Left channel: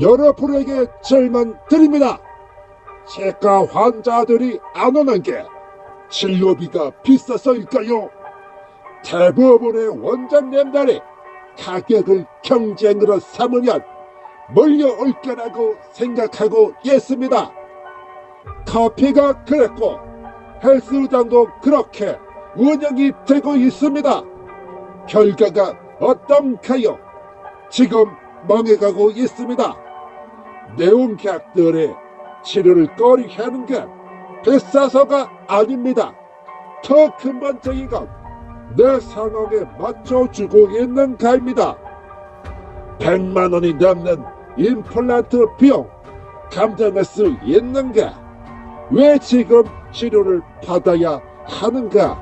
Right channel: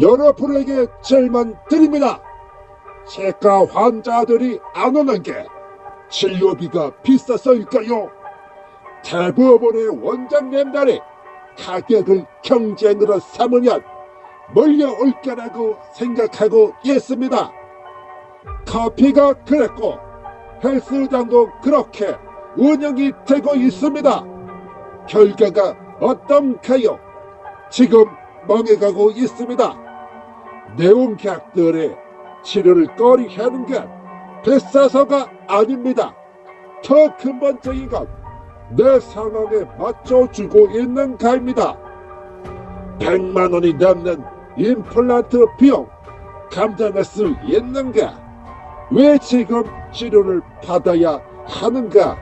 여러분에게 질문 드립니다. 치과 환자들이 안 오는 게 진료비가 비싸서일까요? 대부분의 원장님들이 가격을 경쟁으로 삼으면 몰려올 거라고 생각하고 있습니다. 커피가 그랬고 헬스장도 그렇게 운영이 되고 있습니다. 결과가 어떤가요? 지금 망해가고 있습니다. 내용객들의 치료를 꺼리하는 게 비싸서가 아닙니다. 더 근본적인 건 내 상황에 맞춰주고 있는가입니다. 100만 원이 넘는 임플란트 비용 감당할 수 있는가? 왜 지금 치료를 받아야 하는가?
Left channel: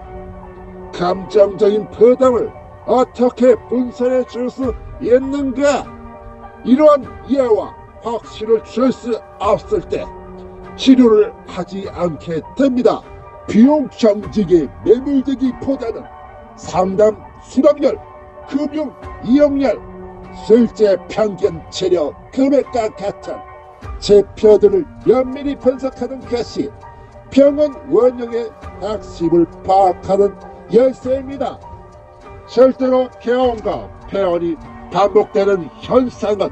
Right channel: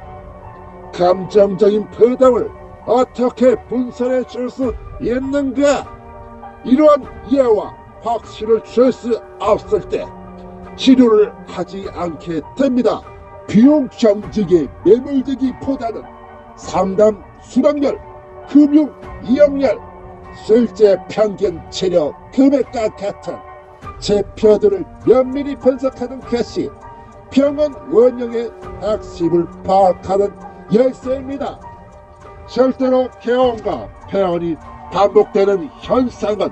감정적인 부담을 어떻게 분산해 줄 수 있는가? 이러한 이해와 확신을 줄 수 없을 때 치료를 하지 않게 됩니다. 비용 경직에 매몰되기보다는 상담 수락률, 금융 이용률, 실제 평균 치료 금액과 같은 지표들을 면밀히 분석하는 것이 병원 운영의 핵심을 파악하는 열쇠입니다. 실제로 개원과 폐원이 반복되는 현상은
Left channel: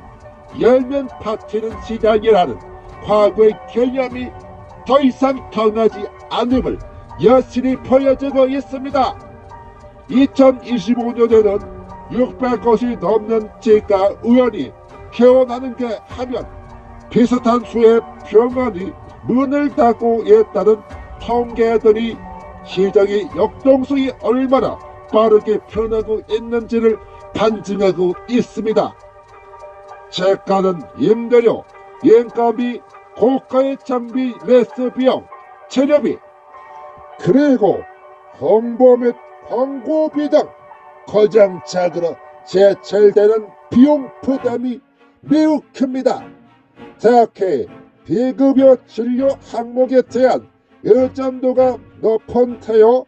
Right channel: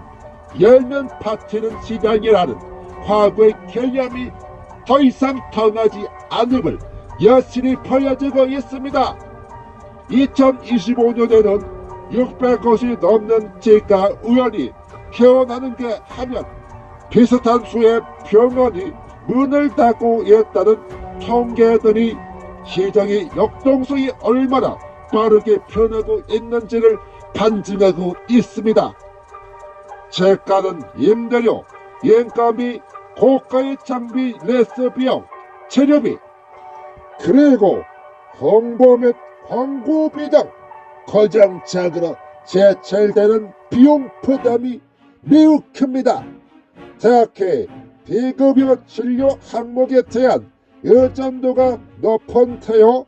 열면 박히는 시장이라는 과거의 개념이 더 이상 통하지 않음을 여실히 보여주고 있습니다. 2025년에는 600곳이 넘는 치과 의원이 개원하는가 하면 비슷한 수의 병원이 문을 닫고 있다는 통계들이 시장의 역동성이 얼마나 빠르게 변하고 있는지를 반증하고 있습니다. 치과는 임대료, 인건비, 고가의 장비 매수 비용, 재료비, 그리고 홍보 및 광고비 등 거장작으로 제철되는 비용 부담이 매우 큽니다. 특히 비급여 진료 항목에 대한 의존도가 높은 태요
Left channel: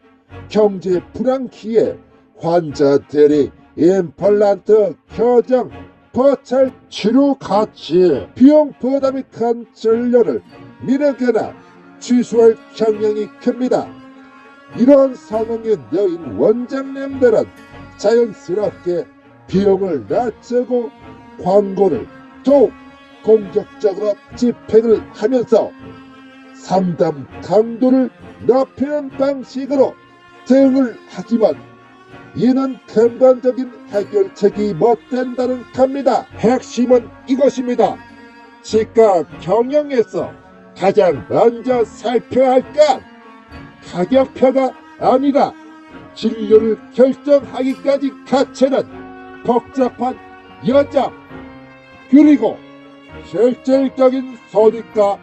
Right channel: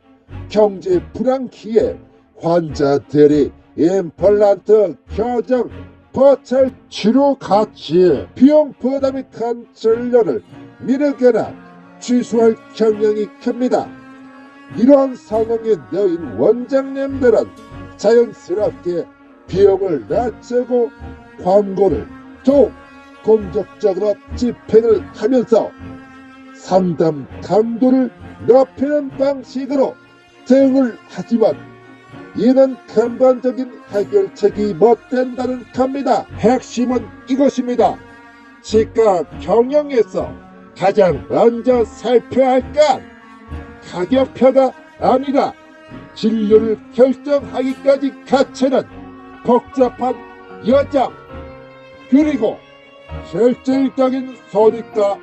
경제 불황기에 환자들이 임플란트 교정, 보철 치료 가치 비용 부담이 큰 진료를 미루거나 취소할 경향이 큽니다. 이러한 상황에 놓인 원장님들은 자연스럽게 비용을 낮추고 광고를 더욱 공격적으로 집행을 하면서 상담 강도를 높이는 방식으로 대응을 하지만 이는 근본적인 해결책이 못 된다는 겁니다. 핵심은 이것입니다. 치과 경영에서 가장 먼저 살펴야 할 건 가격표가 아니라 진료를 결정하기까지 거치는 복잡한 여정, 그리고 실질적인 손익과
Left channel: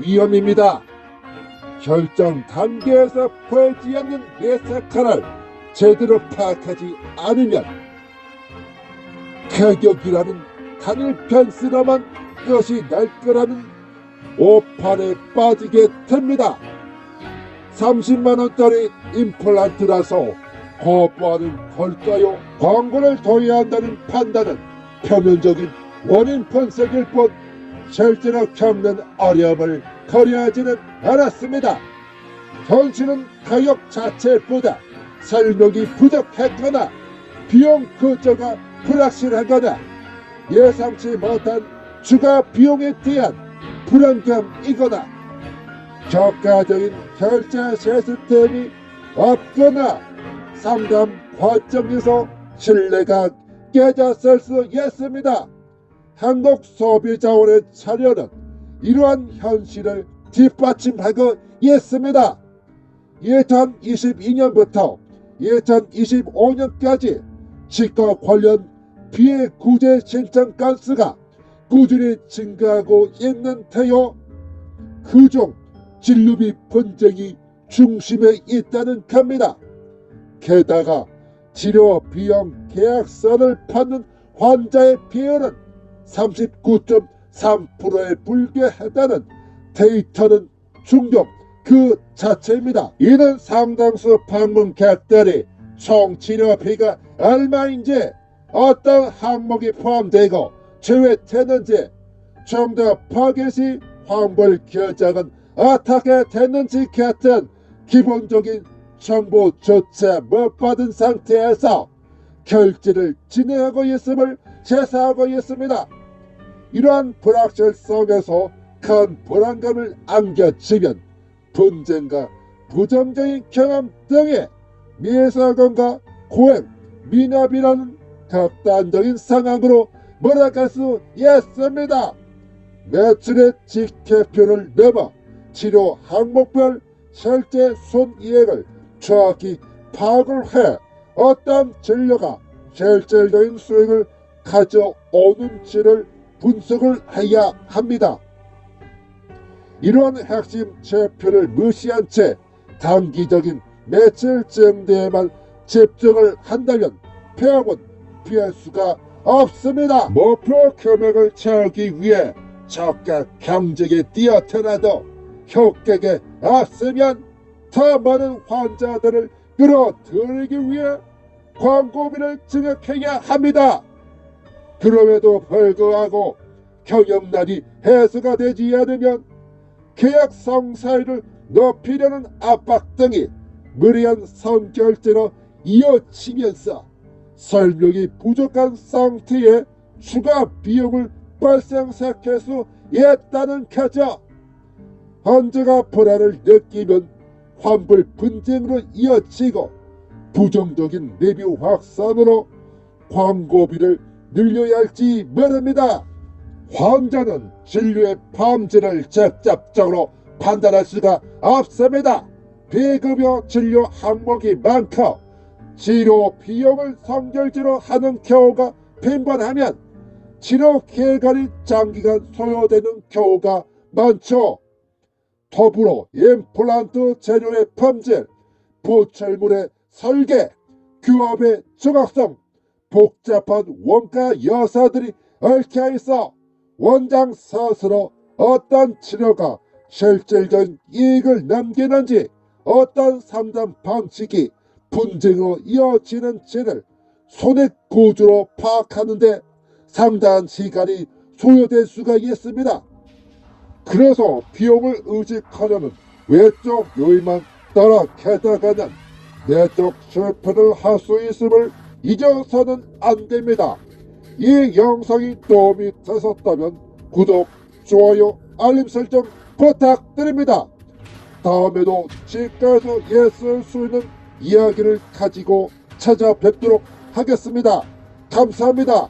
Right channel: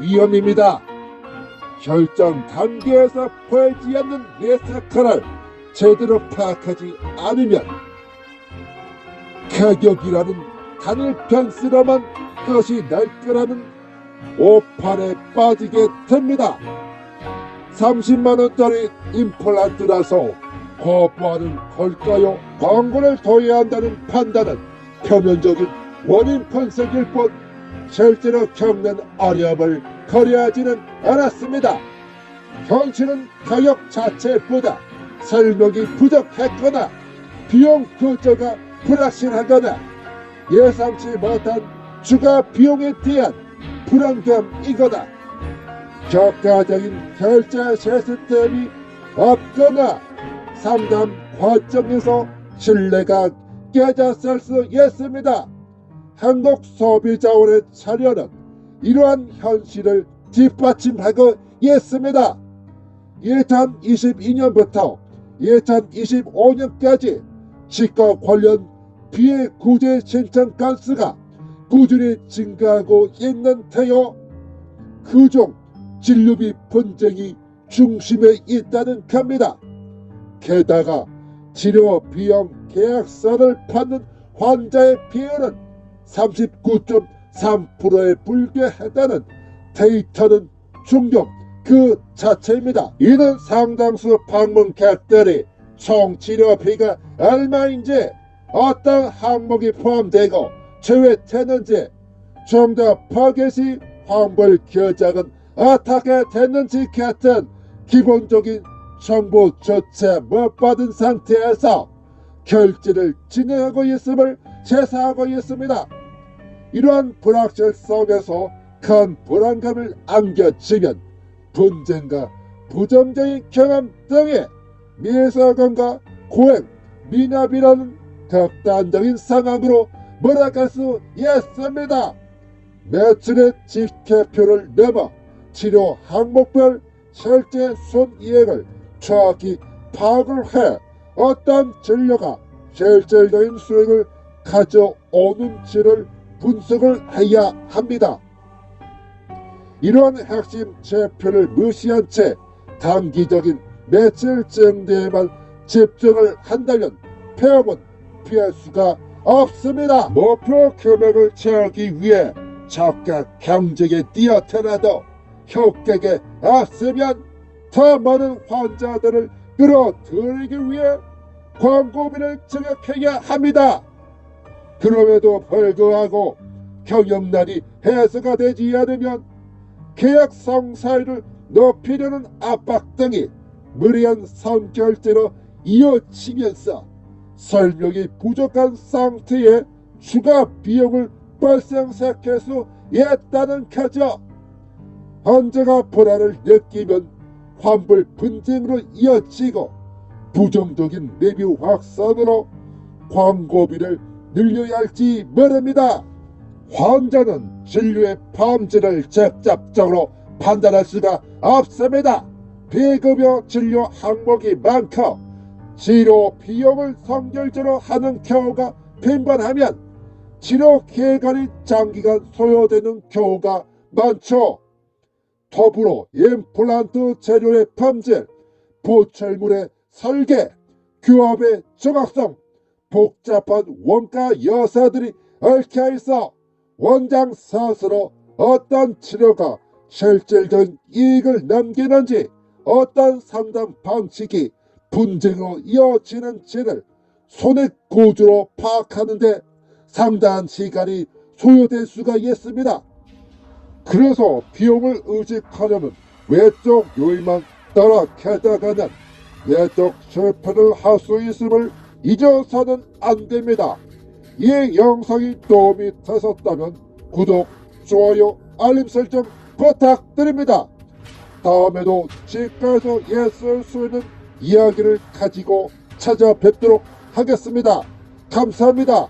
위험입니다. 결정 단계에서 보이지 않는 리스크를 제대로 파악하지 않으면 가격이라는 단일 변수로만 것이 날 거라는 오판에 빠지게 됩니다. 30만원짜리 임플란트라서 거부하는 걸까요? 광고를 둬야 한다는 판단은 표면적인 원인 분석일 뿐 실제로 겪는 어려움을 고려하지는 않았습니다. 현실은 가격 자체보다 설명이 부족했거나 비용 구조가 불확실하거나 예상치 못한 추가 비용에 대한 불안감이거나 효과적인 결제 시스템이 없거나 상담 과정에서 신뢰가 깨졌을 수 있습니다. 한국소비자원의 자료는 이러한 현실을 뒷받침하고 있습니다. 2022년부터 2025년까지 치과 관련 피해 구제 신청 건수가 꾸준히 증가하고 있는데요. 그중 진료비 분쟁이 중심에 있다는 겁니다. 게다가 치료 비용 계약서를 받는 환자의 비율은 39.3%에 불과하다는 데이터는 충격 그 자체입니다. 이는 상당수 방문객들이 총 치료비가 얼마인지, 어떤 항목이 포함되고 제외되는지 좀 더 파겟이 환불 결정은 어떻게 됐는지 같은 기본적인 정보조차 못 받은 상태에서 결제를 진행하고 있음을 제시하고 있습니다. 이러한 불확실성에서 큰 불안감을 안겨주면 분쟁과 부정적인 경험 등의 미사건과 고액 미납이라는 극단적인 상황으로 몰아갈 수 있습니다. 매출의 지켜표를 넘어 치료 항목별 실제 순이익을 정확히 파악을 해 어떤 진료가 실질적인 수익을 가져오는지를 분석을 해야 합니다. 이런 핵심 지표를 무시한 채 단기적인 매출 증대에만 집중을 한다면 폐업은 피할 수가 없습니다. 목표 금액을 채우기 위해 적각 경쟁에 뛰어들어도 효격에 없으면 더 많은 환자들을 끌어들이기 위해 광고비를 증액해야 합니다. 그럼에도 불구하고 경영난이 해소가 되지 않으면 계약 성사율을 높이려는 압박 등이 무리한 선결제로 이어지면서 설명이 부족한 상태에 추가 비용을 발생시킬 수 있다는 거죠. 환자가 불안을 느끼면 환불 분쟁으로 이어지고 부정적인 리뷰 확산으로 광고비를 늘려야 할지 모릅니다. 환자는 진료의 범죄를 직접적으로 판단할 수가 없습니다. 비급여 진료 항목이 많고 치료 비용을 선결제로 하는 경우가 빈번하면 치료 기간이 장기간 소요되는 경우가 많죠. 더불어 임플란트 재료의 품질, 보철물의 설계, 교합의 정확성, 복잡한 원가 여사들이 얽혀 있어 원장 스스로 어떤 치료가 실질적인 이익을 남기는지 어떤 상담 방식이 분쟁으로 이어지는지를 손익 구조로 파악하는데 상당한 시간이 소요될 수가 있습니다. 그래서 비용을 의식하려면 외적 요인만 따라 캐다가는 내적 실패를 할 수 있음을 잊어서는 안 됩니다. 이 영상이 도움이 되셨다면 구독, 좋아요, 알림 설정 부탁드립니다. 다음에도 치과에서 있을 수 있는 이야기를 가지고 찾아뵙도록 하겠습니다. 감사합니다.